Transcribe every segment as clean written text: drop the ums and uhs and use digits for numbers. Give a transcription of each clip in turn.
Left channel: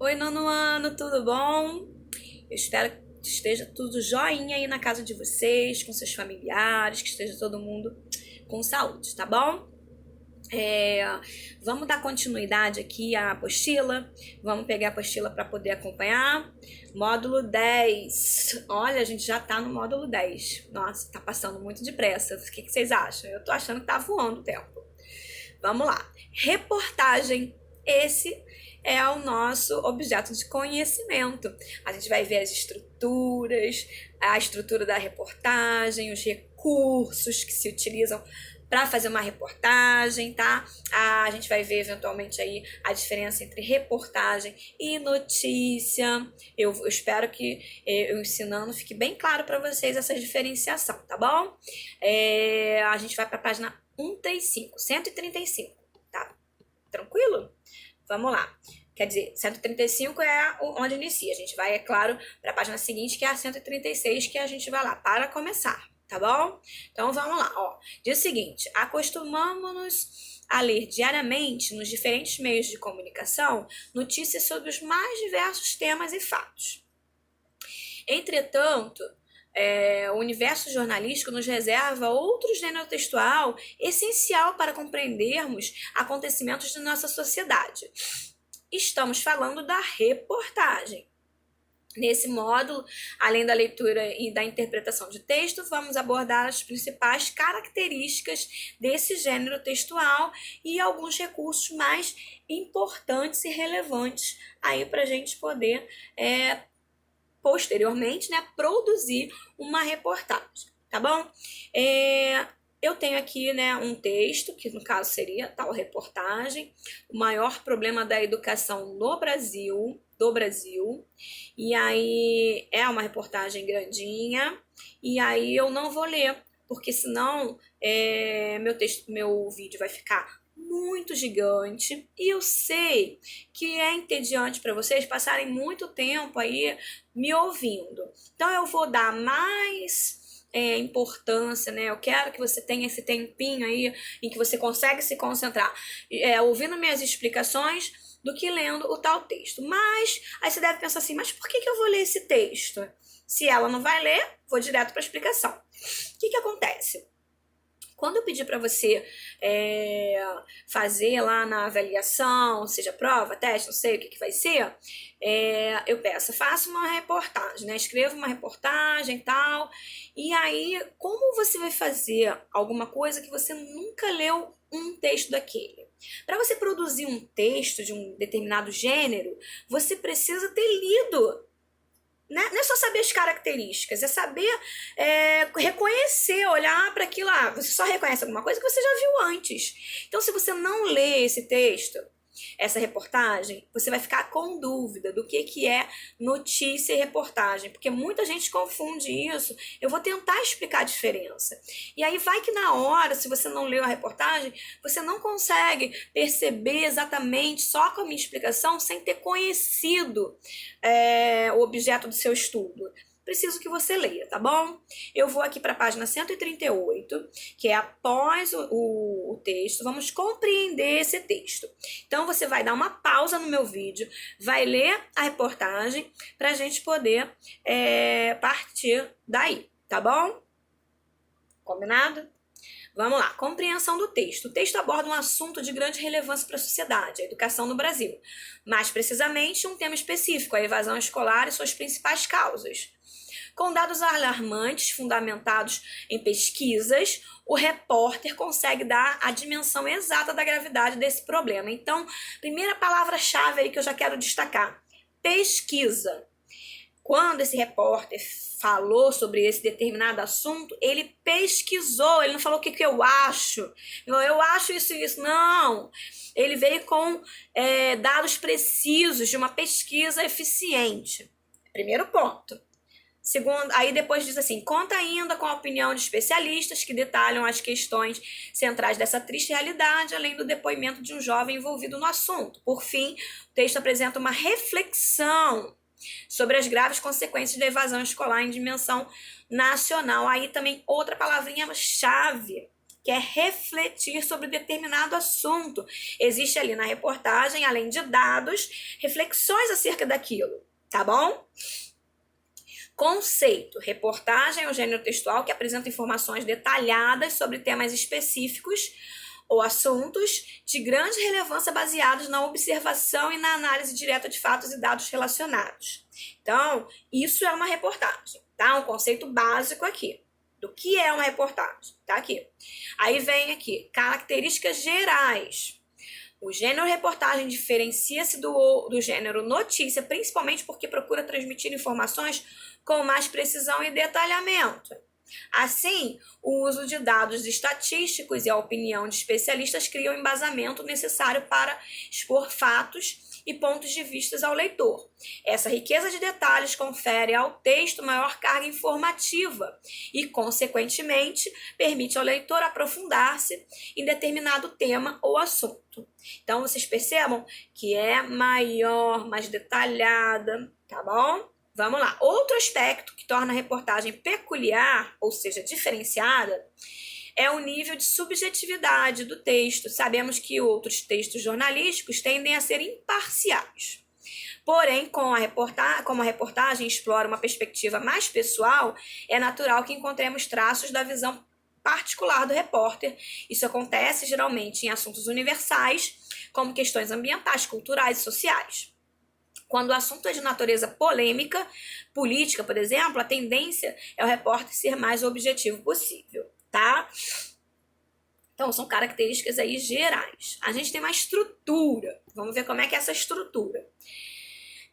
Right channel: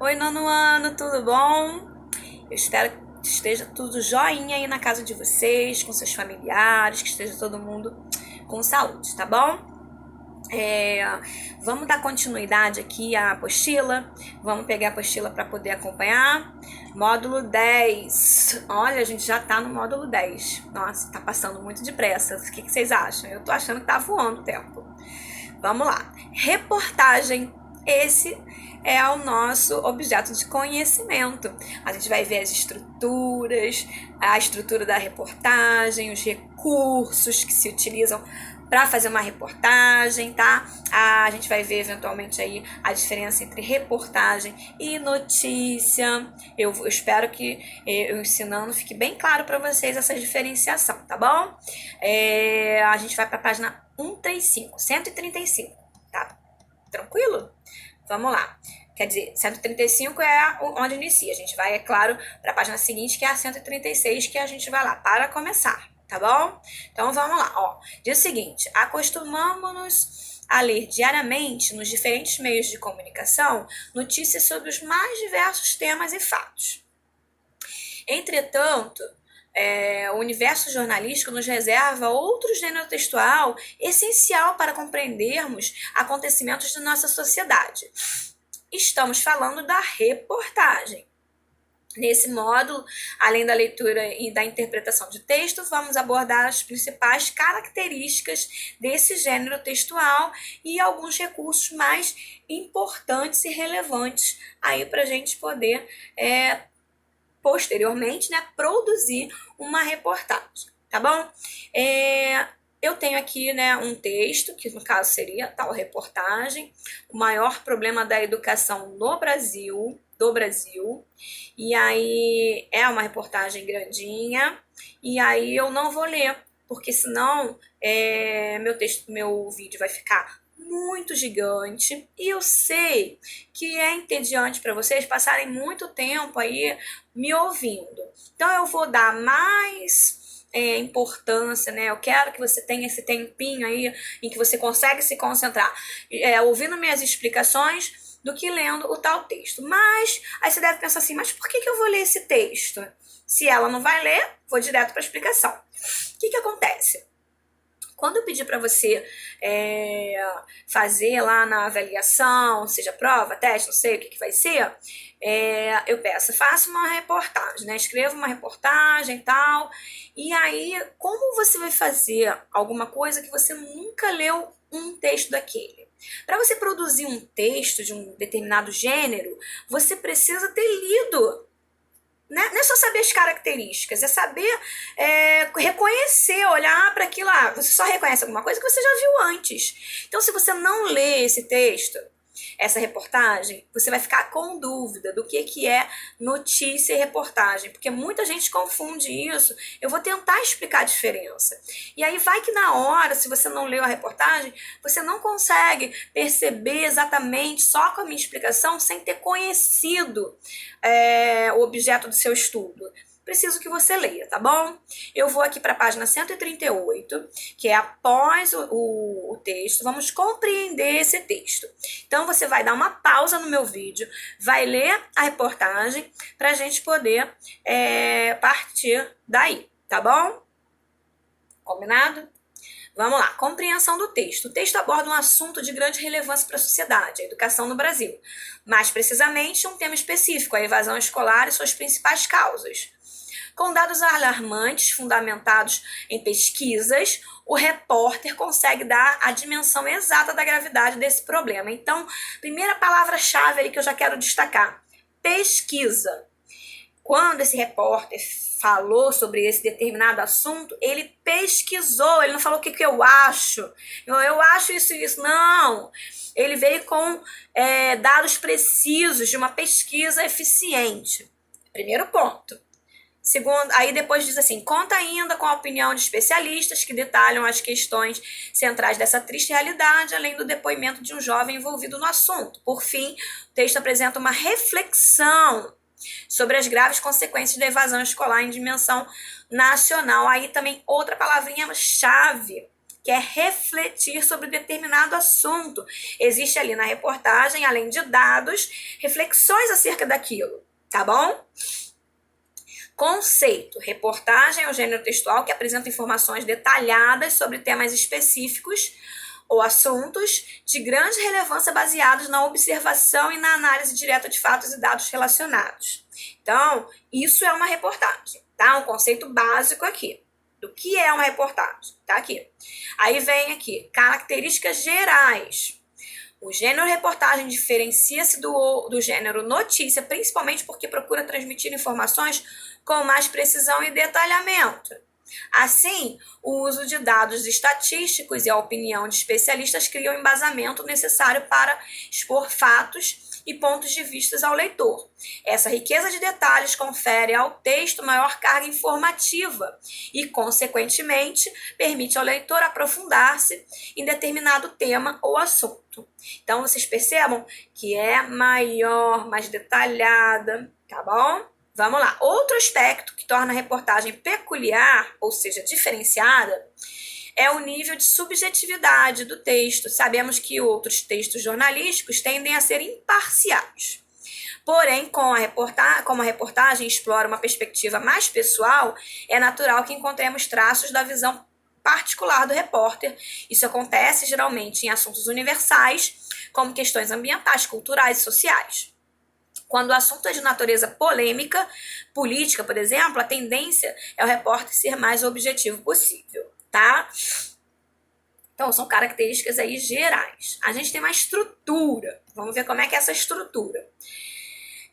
Oi, nono ano, tudo bom? Eu espero que esteja tudo joinha aí na casa de vocês, com seus familiares, que esteja todo mundo com saúde, tá bom? É, Vamos dar continuidade aqui à apostila. Vamos pegar a apostila para poder acompanhar. Módulo 10. Olha, a gente já tá no módulo 10. Nossa, tá passando muito depressa. O que vocês acham? Eu tô achando que tá voando o tempo. Vamos lá. Reportagem. Esse é o nosso objeto de conhecimento. A gente vai ver as estruturas, a estrutura da reportagem, os recursos que se utilizam para fazer uma reportagem, tá? A gente vai ver eventualmente aí a diferença entre reportagem e notícia. Eu espero que eu ensinando fique bem claro para vocês essa diferenciação, tá bom? A gente vai para a página 135, tá? Tranquilo? Vamos lá. Quer dizer, 135 é onde inicia. A gente vai, é claro, para a página seguinte, que é a 136, que a gente vai lá para começar, tá bom? Então vamos lá, ó. Diz o seguinte: acostumamos-nos a ler diariamente nos diferentes meios de comunicação notícias sobre os mais diversos temas e fatos. Entretanto, o universo jornalístico nos reserva outro gênero textual essencial para compreendermos acontecimentos de nossa sociedade. Estamos falando da reportagem. Nesse módulo, além da leitura e da interpretação de texto, vamos abordar as principais características desse gênero textual e alguns recursos mais importantes e relevantes aí para a gente poder posteriormente, né, produzir uma reportagem, tá bom? Eu tenho aqui, né, um texto, que no caso seria tal reportagem, o maior problema da educação no Brasil, do Brasil, e aí é uma reportagem grandinha, e aí eu não vou ler, porque senão meu vídeo vai ficar muito gigante, e eu sei que é entediante para vocês passarem muito tempo aí me ouvindo. Então eu vou dar mais importância, né? Eu quero que você tenha esse tempinho aí em que você consegue se concentrar ouvindo minhas explicações do que lendo o tal texto. Mas aí você deve pensar assim, mas por que eu vou ler esse texto? Se ela não vai ler, vou direto para a explicação. O que acontece? Quando eu pedir para você fazer lá na avaliação, seja prova, teste, não sei o que vai ser, eu peço, faça uma reportagem, né? Escreva uma reportagem e tal. E aí, como você vai fazer alguma coisa que você nunca leu um texto daquele? Para você produzir um texto de um determinado gênero, você precisa ter lido. Não é só saber as características, é saber reconhecer, olhar para aquilo lá. Você só reconhece alguma coisa que você já viu antes. Então, se você não lê esse texto, essa reportagem, você vai ficar com dúvida do que é notícia e reportagem, porque muita gente confunde isso. Eu vou tentar explicar a diferença. E aí vai que na hora, se você não leu a reportagem, você não consegue perceber exatamente só com a minha explicação, sem ter conhecido o objeto do seu estudo. Preciso que você leia, tá bom? Eu vou aqui para a página 138, que é após o texto. Vamos compreender esse texto. Então, você vai dar uma pausa no meu vídeo, vai ler a reportagem para a gente poder partir daí, tá bom? Combinado? Vamos lá, compreensão do texto. O texto aborda um assunto de grande relevância para a sociedade, a educação no Brasil. Mais precisamente, um tema específico, a evasão escolar e suas principais causas. Com dados alarmantes, fundamentados em pesquisas, o repórter consegue dar a dimensão exata da gravidade desse problema. Então, primeira palavra-chave aí que eu já quero destacar: pesquisa. Quando esse repórter falou sobre esse determinado assunto, ele pesquisou, ele não falou o que eu acho. Eu acho isso e isso. Não. Ele veio com dados precisos de uma pesquisa eficiente. Primeiro ponto. Segundo, aí depois diz assim, conta ainda com a opinião de especialistas que detalham as questões centrais dessa triste realidade, além do depoimento de um jovem envolvido no assunto. Por fim, o texto apresenta uma reflexão sobre as graves consequências da evasão escolar em dimensão nacional. Aí também outra palavrinha-chave quer refletir sobre determinado assunto. Existe ali na reportagem, além de dados, reflexões acerca daquilo, tá bom? Conceito. Reportagem é o gênero textual que apresenta informações detalhadas sobre temas específicos ou assuntos de grande relevância baseados na observação e na análise direta de fatos e dados relacionados. Então, isso é uma reportagem, tá? Um conceito básico aqui. Do que é uma reportagem, tá aqui. Aí vem aqui, características gerais. O gênero reportagem diferencia-se do gênero notícia, principalmente porque procura transmitir informações com mais precisão e detalhamento. Assim, o uso de dados estatísticos e a opinião de especialistas criam o embasamento necessário para expor fatos e pontos de vista ao leitor. Essa riqueza de detalhes confere ao texto maior carga informativa e, consequentemente, permite ao leitor aprofundar-se em determinado tema ou assunto. Então, vocês percebam que é maior, mais detalhada, tá bom? Vamos lá. Outro aspecto que torna a reportagem peculiar, ou seja, diferenciada, é o nível de subjetividade do texto. Sabemos que outros textos jornalísticos tendem a ser imparciais. Porém, como a reportagem explora uma perspectiva mais pessoal, é natural que encontremos traços da visão particular do repórter. Isso acontece geralmente em assuntos universais, como questões ambientais, culturais e sociais. Quando o assunto é de natureza polêmica, política, por exemplo, a tendência é o repórter ser mais objetivo possível, tá? Então, são características aí gerais. A gente tem uma estrutura. Vamos ver como é que é essa estrutura.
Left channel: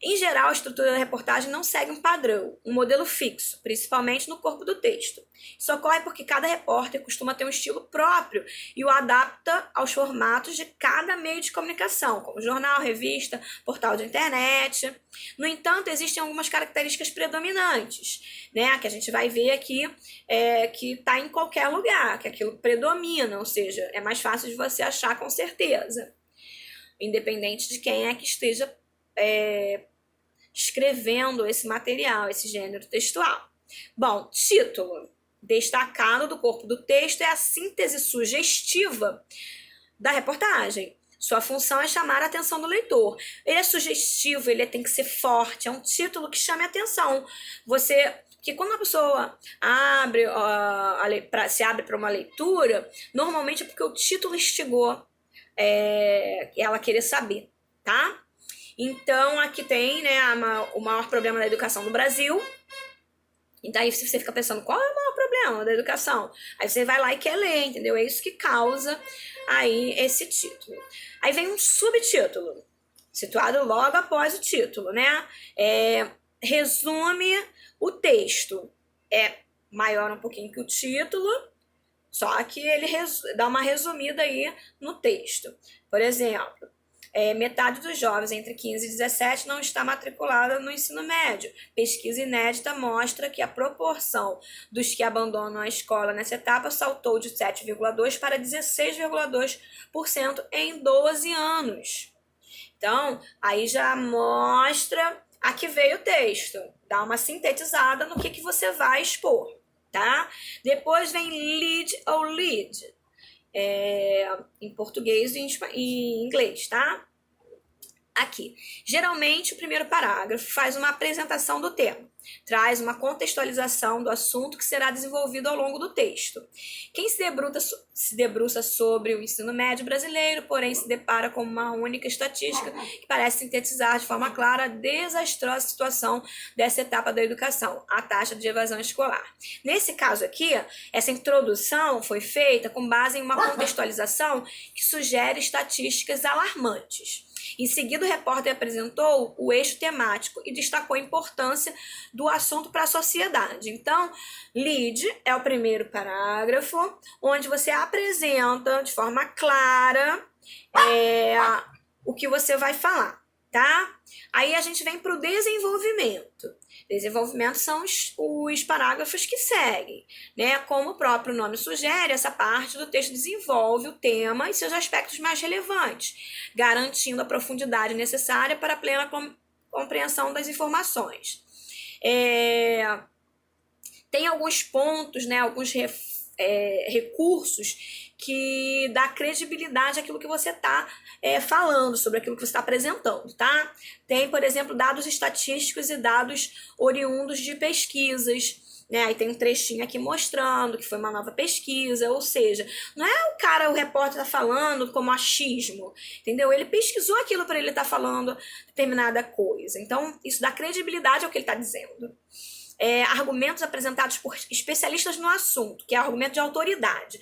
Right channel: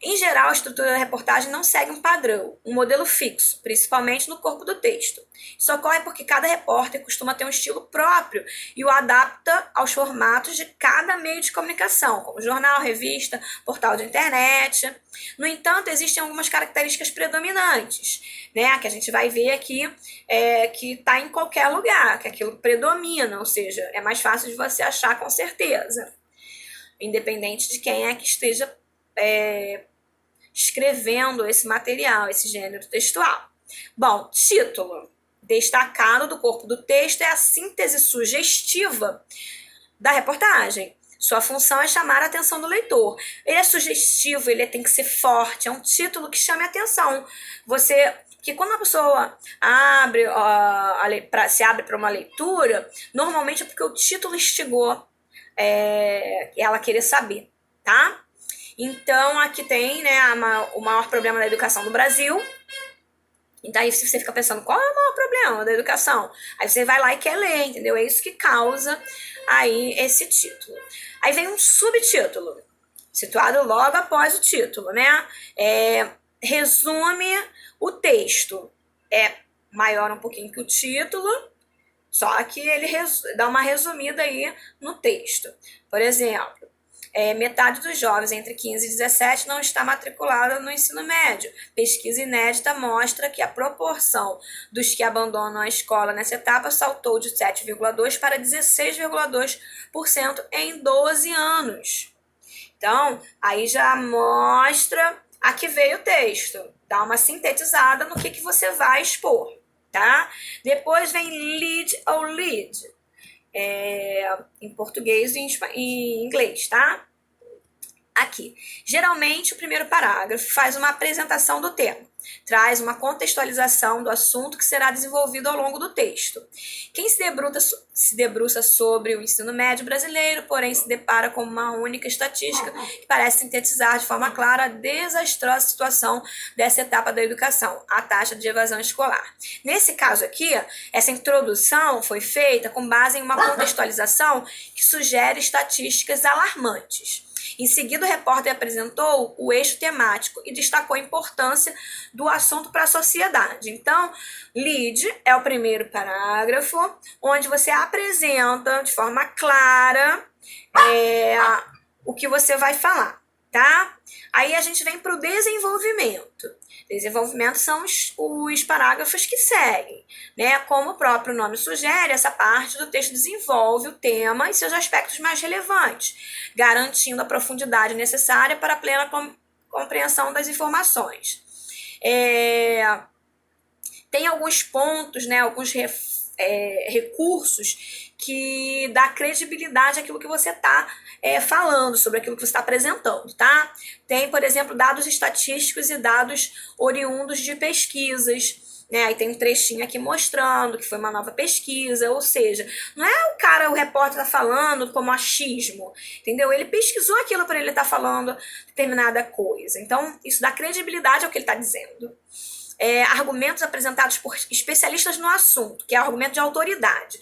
Em geral, a estrutura da reportagem não segue um padrão, um modelo fixo, principalmente no corpo do texto. Isso ocorre porque cada repórter costuma ter um estilo próprio e o adapta aos formatos de cada meio de comunicação, como jornal, revista, portal de internet. No entanto, existem algumas características predominantes, né, que a gente vai ver aqui, que está em qualquer lugar, que aquilo predomina, ou seja, é mais fácil de você achar com certeza, independente de quem é que esteja escrevendo esse material, esse gênero textual. Bom, título. Destacado do corpo do texto é a síntese sugestiva da reportagem. Sua função é chamar a atenção do leitor. Ele é sugestivo, ele tem que ser forte, é um título que chame a atenção. Que quando a pessoa se abre para uma leitura, normalmente é porque o título instigou ela querer saber, tá? Então, aqui tem, né, o maior problema da educação no Brasil. Então, aí você fica pensando, qual é o maior problema da educação? Aí você vai lá e quer ler, entendeu? É isso que causa aí esse título. Aí vem um subtítulo, situado logo após o título, né? Resume o texto. É maior um pouquinho que o título, só que ele dá uma resumida aí no texto. Por exemplo, metade dos jovens entre 15 e 17 não está matriculada no ensino médio. Pesquisa inédita mostra que a proporção dos que abandonam a escola nessa etapa saltou de 7,2% para 16,2% em 12 anos. Então, aí já mostra a que veio o texto. Dá uma sintetizada no que você vai expor, tá? Depois vem lead ou lead. Em português e em inglês, tá? Aqui. Geralmente, o primeiro parágrafo faz uma apresentação do tema, traz uma contextualização do assunto que será desenvolvido ao longo do texto. Quem se debruça sobre o ensino médio brasileiro, porém se depara com uma única estatística que parece sintetizar de forma clara a desastrosa situação dessa etapa da educação, a taxa de evasão escolar. Nesse caso aqui, essa introdução foi feita com base em uma contextualização que sugere estatísticas alarmantes. Em seguida, o repórter apresentou o eixo temático e destacou a importância do assunto para a sociedade. Então, lead é o primeiro parágrafo, onde você apresenta de forma clara o que você vai falar, tá? Aí a gente vem para o desenvolvimento. Desenvolvimento são os parágrafos que seguem, né? Como o próprio nome sugere, essa parte do texto desenvolve o tema e seus aspectos mais relevantes, garantindo a profundidade necessária para a plena compreensão das informações. Tem alguns pontos, né? Alguns recursos que dá credibilidade àquilo que você está falando, sobre aquilo que você está apresentando, tá? Tem, por exemplo, dados estatísticos e dados oriundos de pesquisas, né? Aí tem um trechinho aqui mostrando que foi uma nova pesquisa, ou seja, não é o repórter tá falando como achismo, entendeu? Ele pesquisou aquilo para ele estar falando determinada coisa. Então, isso dá credibilidade ao que ele está dizendo. Argumentos apresentados por especialistas no assunto, que é argumento de autoridade.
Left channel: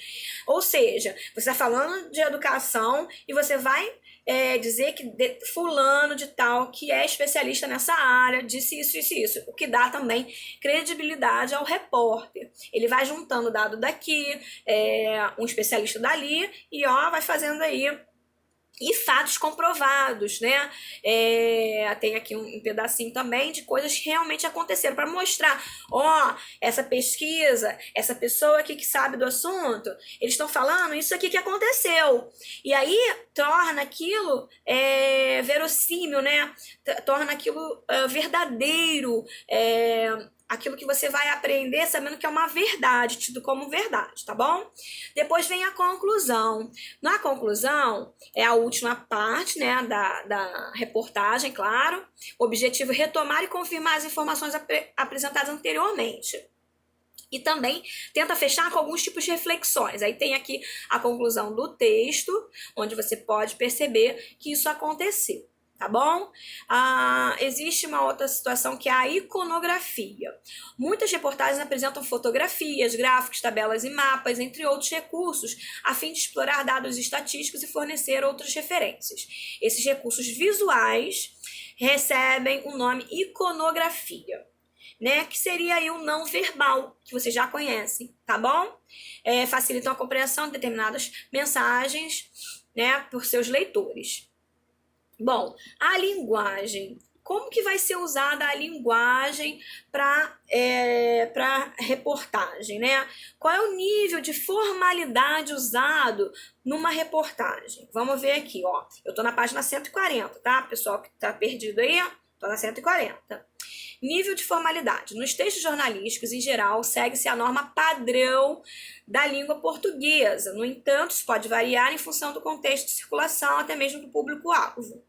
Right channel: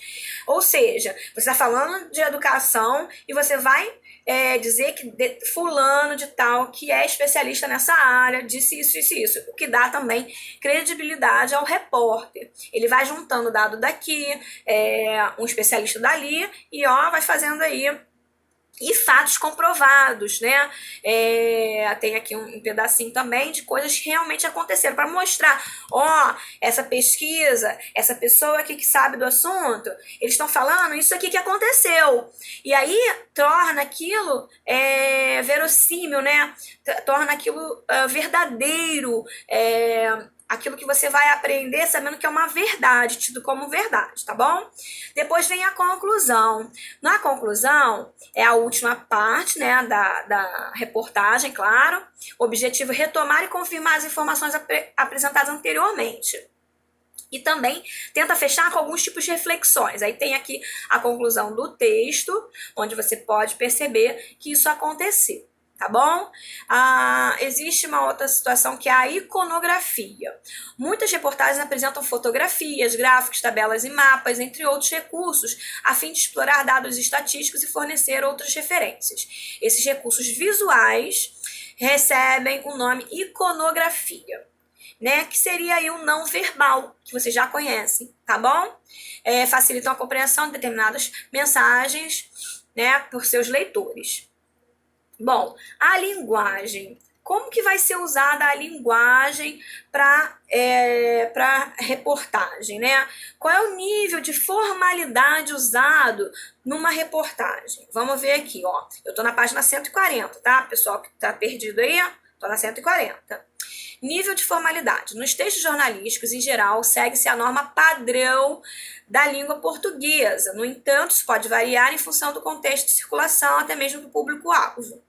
Ou seja, você está falando de educação e você vai dizer que fulano de tal, que é especialista nessa área, disse isso, isso, isso. O que dá também credibilidade ao repórter. Ele vai juntando dado daqui, um especialista dali, e vai fazendo aí. E fatos comprovados, né? Tem aqui um pedacinho também de coisas que realmente aconteceram, para mostrar, essa pesquisa, essa pessoa aqui que sabe do assunto, eles estão falando isso aqui que aconteceu. E aí torna aquilo verossímil, né? Torna aquilo verdadeiro, aquilo que você vai aprender sabendo que é uma verdade, tido como verdade, tá bom? Depois vem a conclusão. Na conclusão, é a última parte, né, da reportagem, claro. O objetivo é retomar e confirmar as informações apresentadas anteriormente. E também tenta fechar com alguns tipos de reflexões. Aí tem aqui a conclusão do texto, onde você pode perceber que isso aconteceu. Tá bom? Existe uma outra situação que é a iconografia. Muitas reportagens apresentam fotografias, gráficos, tabelas e mapas, entre outros recursos, a fim de explorar dados estatísticos e fornecer outras referências. Esses recursos visuais recebem o nome iconografia, né? Que seria aí o não verbal, que vocês já conhecem, tá bom? Facilitam a compreensão de determinadas mensagens, né, por seus leitores. Bom, a linguagem. Como que vai ser usada a linguagem para reportagem, né? Qual é o nível de formalidade usado numa reportagem? Vamos ver aqui, ó. Eu tô na página 140, tá? Pessoal que tá perdido aí, tô na 140. Nível de formalidade. Nos textos jornalísticos, em geral, segue-se a norma padrão da língua portuguesa. No entanto, isso pode variar em função do contexto de circulação, até mesmo do público-alvo.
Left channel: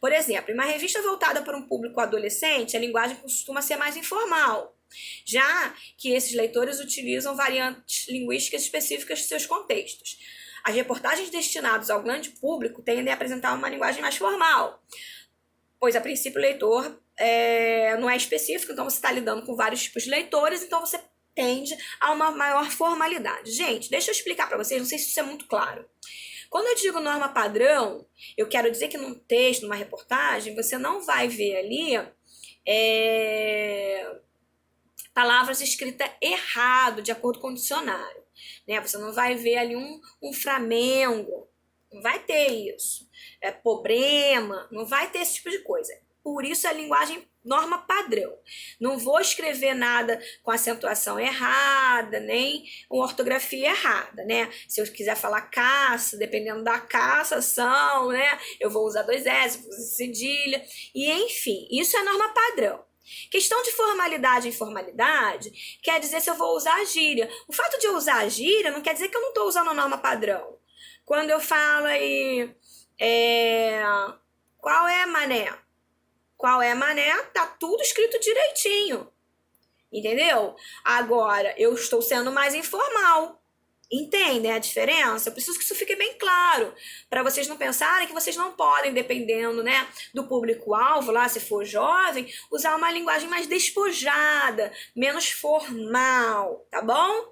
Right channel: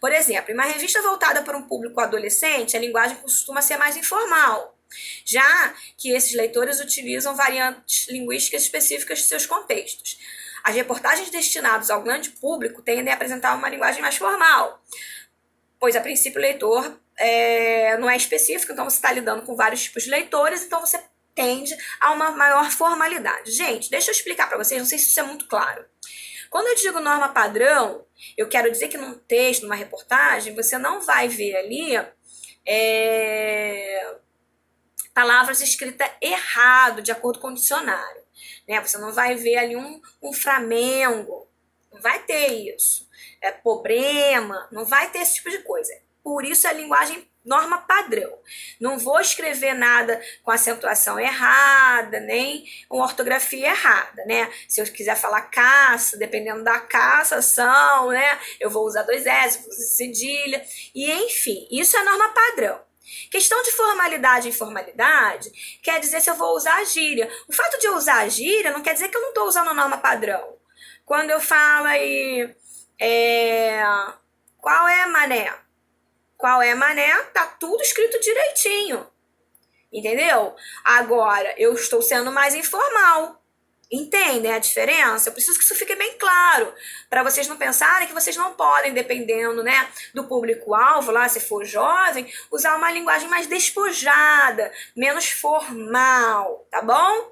Por exemplo, em uma revista voltada para um público adolescente, a linguagem costuma ser mais informal, já que esses leitores utilizam variantes linguísticas específicas de seus contextos. As reportagens destinadas ao grande público tendem a apresentar uma linguagem mais formal, pois, a princípio, o leitor não é específico, então você está lidando com vários tipos de leitores, então você tende a uma maior formalidade. Gente, deixa eu explicar para vocês, não sei se isso é muito claro. Quando eu digo norma padrão, eu quero dizer que num texto, numa reportagem, você não vai ver ali palavras escritas errado, de acordo com o dicionário, né? Você não vai ver ali um Flamengo, não vai ter isso. Problema, não vai ter esse tipo de coisa. Por isso a linguagem norma padrão. Não vou escrever nada com acentuação errada, nem uma ortografia errada, né? Se eu quiser falar caça, dependendo da caçação, né? Eu vou usar 2 S, vou usar cedilha, e enfim, isso é norma padrão. Questão de formalidade e informalidade quer dizer se eu vou usar a gíria. O fato de eu usar a gíria não quer dizer que eu não estou usando a norma padrão. Quando eu falo aí, qual é, mané? Qual é, mané? Tá tudo escrito direitinho. Entendeu? Agora, eu estou sendo mais informal. Entendem a diferença? Eu preciso que isso fique bem claro, para vocês não pensarem que vocês não podem, dependendo, né, do público-alvo, lá, se for jovem, usar uma linguagem mais despojada, menos formal, tá bom?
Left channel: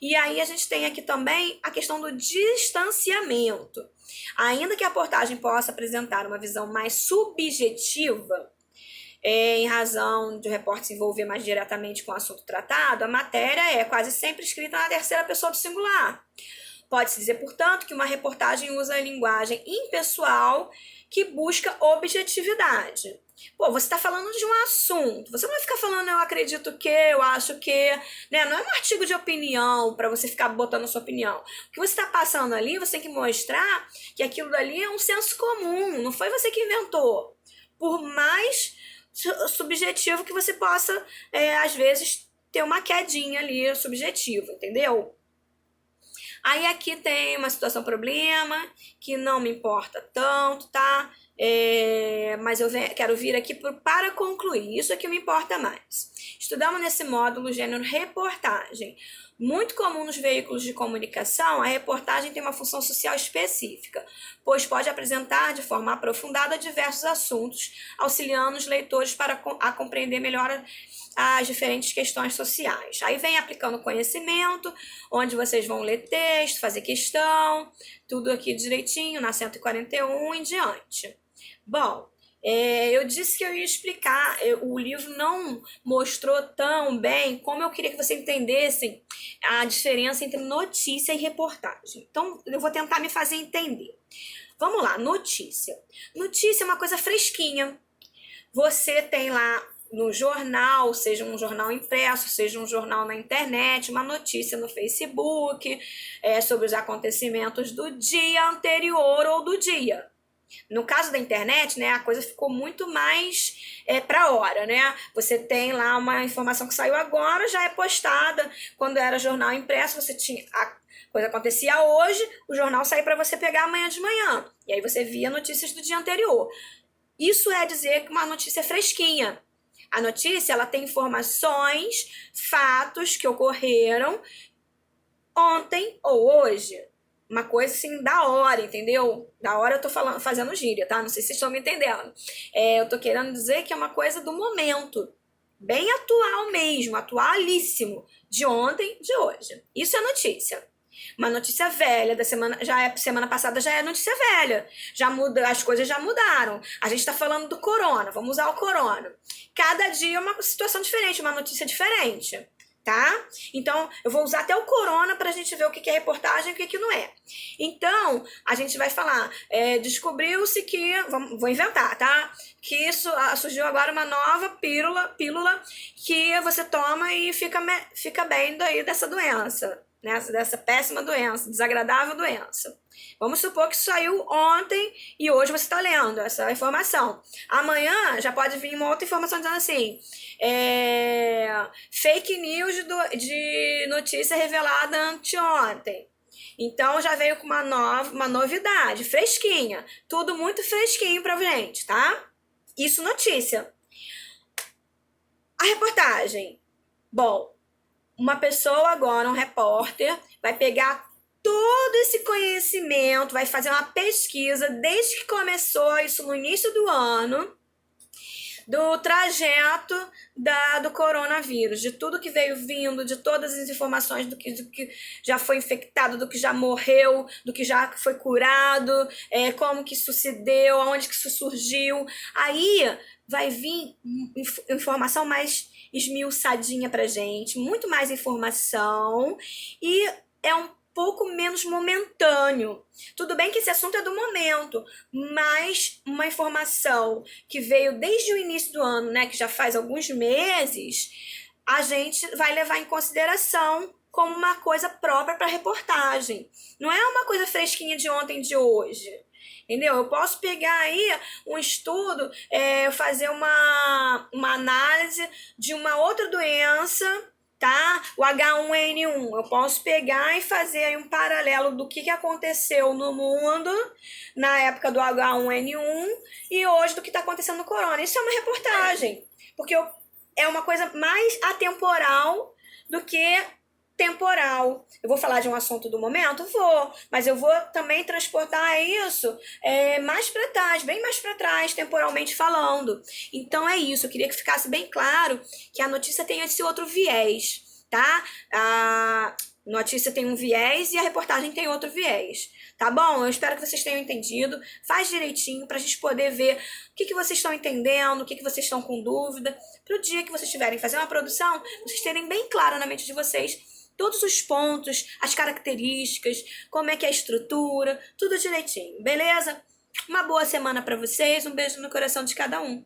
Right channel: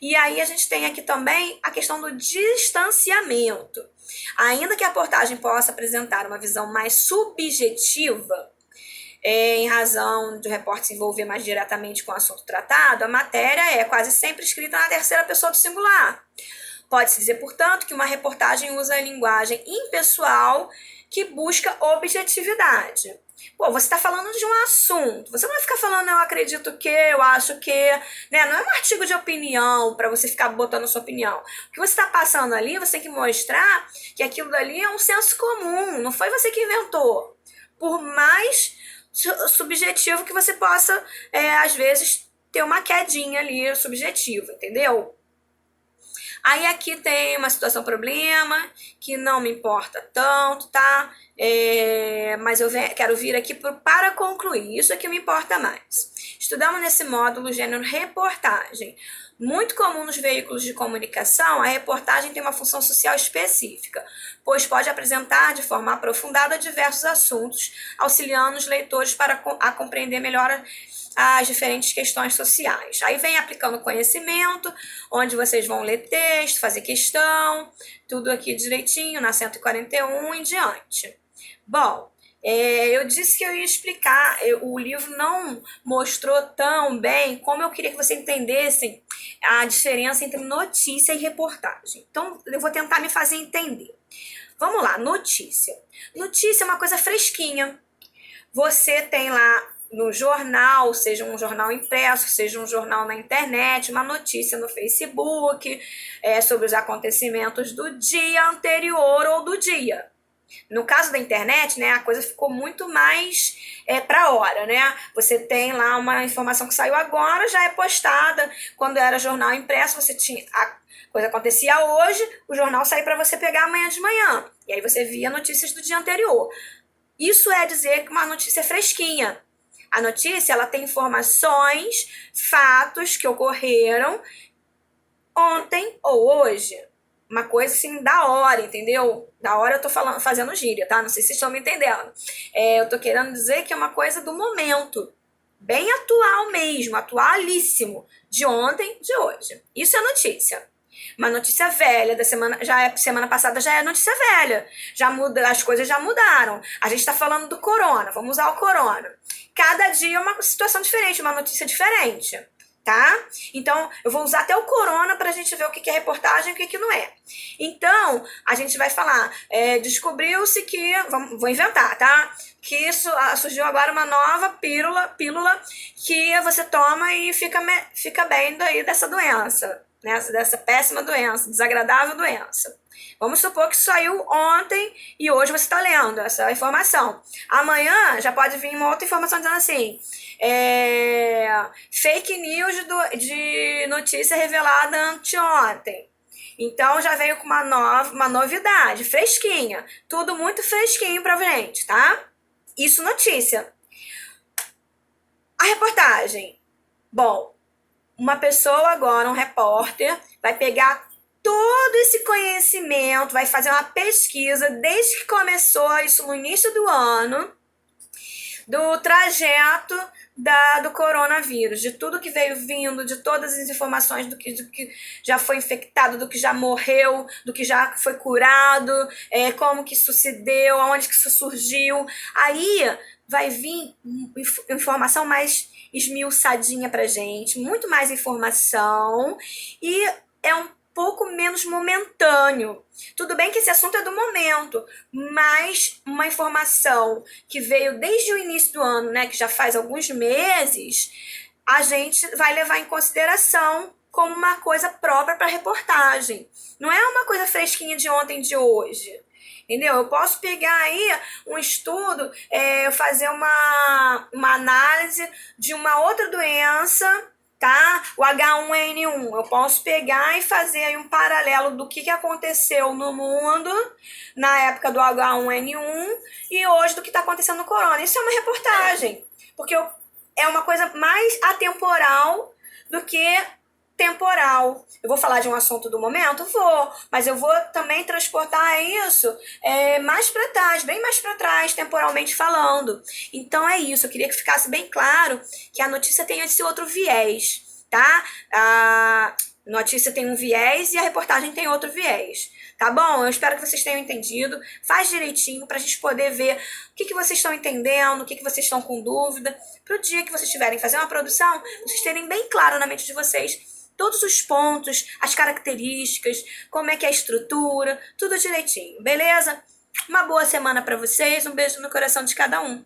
E aí a gente tem aqui também a questão do distanciamento. Ainda que a reportagem possa apresentar uma visão mais subjetiva, em razão do repórter se envolver mais diretamente com o assunto tratado, a matéria é quase sempre escrita na terceira pessoa do singular. Pode-se dizer, portanto, que uma reportagem usa a linguagem impessoal que busca objetividade. Você está falando de um assunto, você não vai ficar falando eu acredito que, eu acho que, né? Não é um artigo de opinião para você ficar botando a sua opinião. O que você está passando ali, você tem que mostrar que aquilo dali é um senso comum, não foi você que inventou. Por mais subjetivo que você possa, às vezes, ter uma quedinha ali subjetiva, entendeu? Aí aqui tem uma situação problema que não me importa tanto, tá? Mas eu quero vir aqui para concluir. Isso é que me importa mais. Estudamos nesse módulo o gênero reportagem. Muito comum nos veículos de comunicação, a reportagem tem uma função social específica, pois pode apresentar de forma aprofundada diversos assuntos, auxiliando os leitores a compreender melhor as diferentes questões sociais. Aí vem aplicando conhecimento, onde vocês vão ler texto, fazer questão, tudo aqui direitinho, na 141 em diante. Bom, eu disse que eu ia explicar, o livro não mostrou tão bem como eu queria que você entendesse a diferença entre notícia e reportagem. Então, eu vou tentar me fazer entender. Vamos lá, notícia. Notícia é uma coisa fresquinha. Você tem lá no jornal, seja um jornal impresso, seja um jornal na internet, uma notícia no Facebook, sobre os acontecimentos do dia anterior ou do dia. No caso da internet, né, a coisa ficou muito mais para hora, né? Você tem lá uma informação que saiu agora, já é postada. Quando era jornal impresso, você tinha a coisa acontecia hoje, o jornal saía para você pegar amanhã de manhã. E aí você via notícias do dia anterior. Isso é dizer que uma notícia é fresquinha. A notícia, ela tem informações, fatos que ocorreram ontem ou hoje. Uma coisa assim da hora, entendeu? Da hora eu tô fazendo gíria, tá? Não sei se vocês estão me entendendo. Eu tô querendo dizer que é uma coisa do momento. Bem atual mesmo, atualíssimo. De ontem, de hoje. Isso é notícia. Uma notícia velha da semana, semana passada já é notícia velha. Já muda, as coisas já mudaram. A gente tá falando do corona, vamos usar o corona. Cada dia é uma situação diferente, uma notícia diferente. Tá? Então, eu vou usar até o corona pra gente ver o que é reportagem e o que não é. Então, a gente vai falar, descobriu-se que, vou inventar, tá? Que isso surgiu agora uma nova pílula que você toma e fica bem daí dessa doença, né? Dessa péssima doença, desagradável doença. Vamos supor que saiu ontem e hoje você está lendo essa informação. Amanhã já pode vir uma outra informação dizendo assim, fake news de notícia revelada anteontem. Então já veio com uma novidade, fresquinha. Tudo muito fresquinho pra gente, tá? Isso notícia. A reportagem. Bom, uma pessoa agora, um repórter, vai pegar todo esse conhecimento, vai fazer uma pesquisa desde que começou isso no início do ano, do trajeto do coronavírus, de tudo que veio vindo, de todas as informações do que já foi infectado, do que já morreu, do que já foi curado, como que isso se deu, aonde que isso surgiu. Aí vai vir informação mais esmiuçadinha pra gente, muito mais informação, e é um pouco menos momentâneo. Tudo bem que esse assunto é do momento, mas uma informação que veio desde o início do ano, né, que já faz alguns meses, a gente vai levar em consideração como uma coisa própria para reportagem. Não é uma coisa fresquinha de ontem, de hoje. Entendeu? Eu posso pegar aí um estudo, fazer uma análise de uma outra doença, tá? O H1N1. Eu posso pegar e fazer aí um paralelo do que aconteceu no mundo na época do H1N1 e hoje do que está acontecendo no corona. Isso é uma reportagem, porque é uma coisa mais atemporal do que temporal. Eu vou falar de um assunto do momento? Vou, mas eu vou também transportar isso mais para trás, bem mais para trás, temporalmente falando. Então é isso, eu queria que ficasse bem claro que a notícia tem esse outro viés, tá? A notícia tem um viés e a reportagem tem outro viés. Tá bom? Eu espero que vocês tenham entendido. Faz direitinho pra gente poder ver o que vocês estão entendendo, o que vocês estão com dúvida. Pro dia que vocês estiverem fazendo uma produção, vocês terem bem claro na mente de vocês todos os pontos, as características, como é que é a estrutura, tudo direitinho, beleza? Uma boa semana pra vocês, um beijo no coração de cada um.